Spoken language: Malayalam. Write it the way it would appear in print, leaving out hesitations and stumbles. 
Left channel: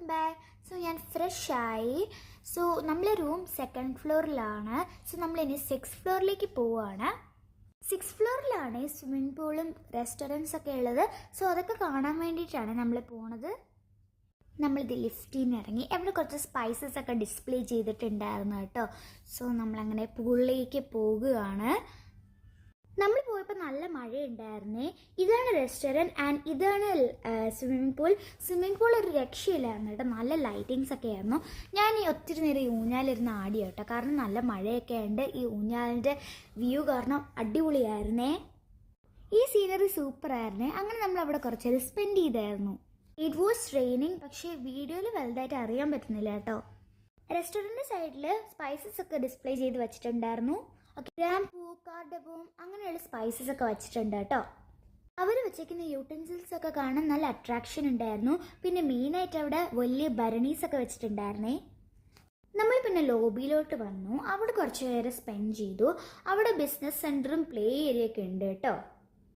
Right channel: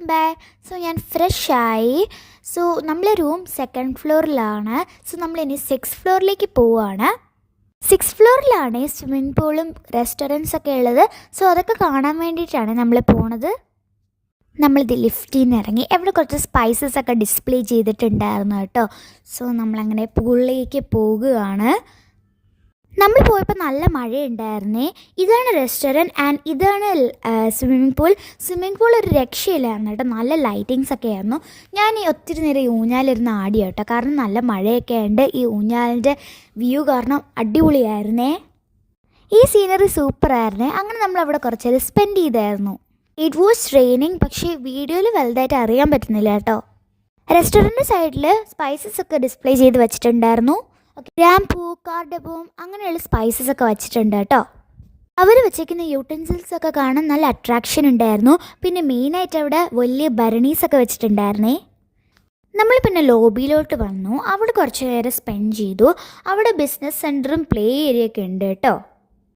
Welcome back. സോ ഞാൻ ഫ്രഷായി. സോ നമ്മളെ റൂം 2nd ഫ്ലോറിലാണ്. സോ നമ്മളിനി 6th ഫ്ലോറിലേക്ക് പോവുകയാണ്. 6th ഫ്ലോറിലാണ് സ്വിമ്മിംഗ് പൂളും റെസ്റ്റോറൻറ്റ്സ് ഒക്കെ ഉള്ളത്. സോ അതൊക്കെ കാണാൻ വേണ്ടിയിട്ടാണ് നമ്മൾ പോണത്. നമ്മളിത് ലിഫ്റ്റിൽ നിന്ന് ഇറങ്ങി. അവിടെ കുറച്ച് സ്പൈസസ് ഒക്കെ ഡിസ്പ്ലേ ചെയ്തിട്ടുണ്ടായിരുന്നു കേട്ടോ. സോ നമ്മളങ്ങനെ പൂളിലേക്ക് പോകുകയാണ്. നമ്മൾ പോയപ്പോൾ നല്ല മഴയുണ്ടായിരുന്നേ. ഇതാണ് റെസ്റ്റോറൻറ്റ് ആൻഡ് ഇതാണ് സ്വിമ്മിംഗ് പൂൾ ഒരു രക്ഷയില്ലായിരുന്നു കേട്ടോ. നല്ല ലൈറ്റിങ്സ് ഒക്കെ ആയിരുന്നു. ഞാൻ ഈ ഒത്തിരി നേരം ഈ ഊഞ്ഞാലിരുന്ന് ആടി കേട്ടോ. കാരണം നല്ല മഴയൊക്കെ ഉണ്ട്. ഈ ഊഞ്ഞാലിൻ്റെ വ്യൂ കാരണം അടിപൊളിയായിരുന്നേ. ഈ സീനറി സൂപ്പറായിരുന്നേ. അങ്ങനെ നമ്മളവിടെ കുറച്ച് നേരം സ്പെൻഡ് ചെയ്തായിരുന്നു. It was raining. പക്ഷേ വീഡിയോയിൽ വലുതായിട്ട് അറിയാൻ പറ്റുന്നില്ല കേട്ടോ. റെസ്റ്റോറൻറ്റ് സൈഡിൽ സ്പൈസസ് ഒക്കെ ഡിസ്പ്ലേ ചെയ്ത് വെച്ചിട്ടുണ്ടായിരുന്നു. ഗ്രാമ്പൂ, കാർഡബോം അങ്ങനെയുള്ള സ്പൈസസ് ഒക്കെ വെച്ചിട്ടുണ്ട് കേട്ടോ. അവർ വെച്ചേക്കുന്ന യൂട്ടൻസിൽസ് ഒക്കെ കാണാൻ നല്ല അട്രാക്ഷൻ ഉണ്ടായിരുന്നു. പിന്നെ മെയിനായിട്ട് അവിടെ വലിയ ഭരണീസൊക്കെ വെച്ചിട്ടുണ്ടായിരുന്നേ. നമ്മൾ പിന്നെ ലോബിയിലോട്ട് വന്നു. അവിടെ കുറച്ച് നേരം സ്പെൻഡ് ചെയ്തു. അവിടെ ബിസിനസ് സെൻറ്ററും പ്ലേ ഏരിയ ഒക്കെ ഉണ്ട് കേട്ടോ.